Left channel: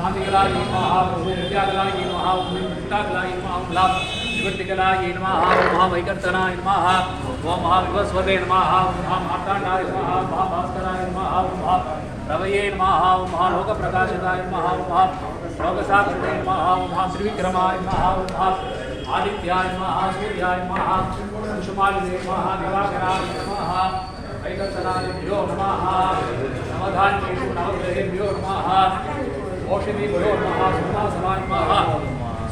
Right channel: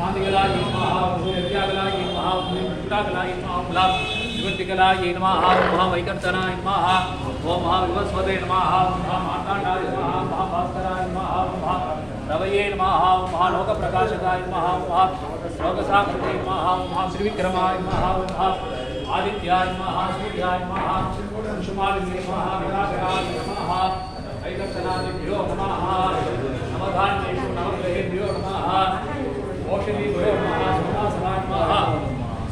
शांतिकलाय नमः विद्याकलाय नमः चित्ताकलाय नमः विवर्तिकलाय नमः महावैकर्तनाय नमः ओम महाविवस्वते नमः महामार्ताण्डाय नमः महाभास्कराय नमः रवये नमः महालोकप्रकाशकाय नमः लोकसाक्षिणे नमः महात्रिविक्रमाय नमः आदित्याय नमः सूर्याय नमः कुसुमालिने नमः दिवाकराय नमः वैकर्तनादिभ्यो नमः नवधान्येषु नवग्रहेभ्यो नमः ओषधीभ्यो नमः सोमासनाय नमः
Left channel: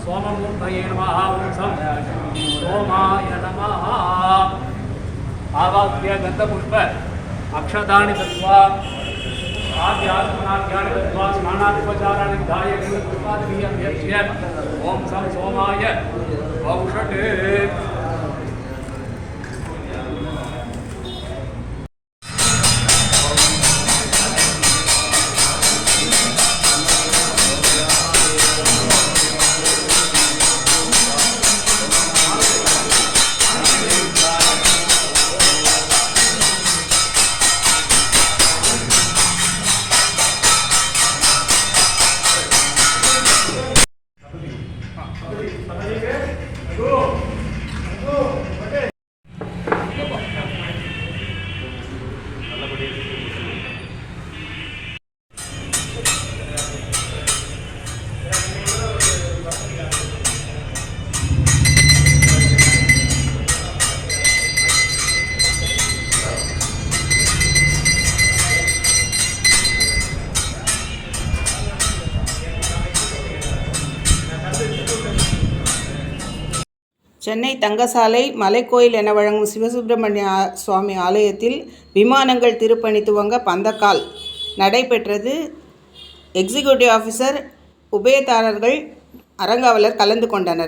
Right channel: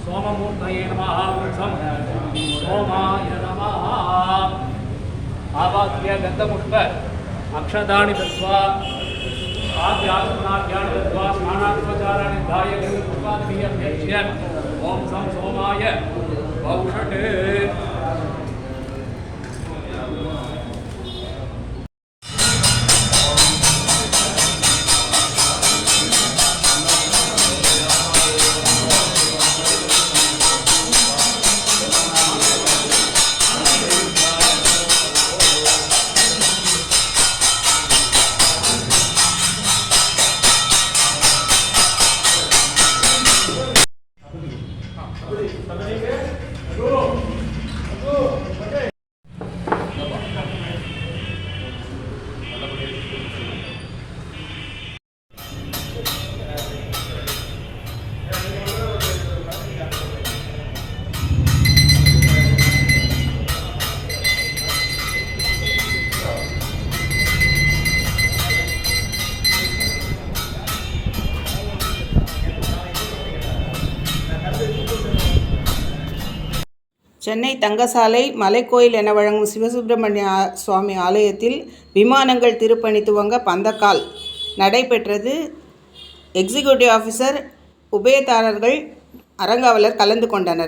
सोममूर्तये नमः सोमाय नमः आवाक्य गन्धपुष्प अक्षतानि दत्त्वा आद्यात्मनाद्यानि दत्त्वा स्नानादिपचाराणि धाय गृहकृपादिभिः अभ्यर्च्य ओम सं सोमाय औषधे சென்னை தங்கசாலை மலைக்கோயில் என வழங்கும் சிவசுப்பிரமணிய சுவாமி ஆலயத்தில் விமானங்கள் திருப்பணி துவங்க பந்தக்கால் நடைபெற்றது. எக்ஸிக்யூட்டிவ் ஆஃபீஸர், உபயதாரர்கள், அறங்காவலர் கலந்து கொண்டனர்.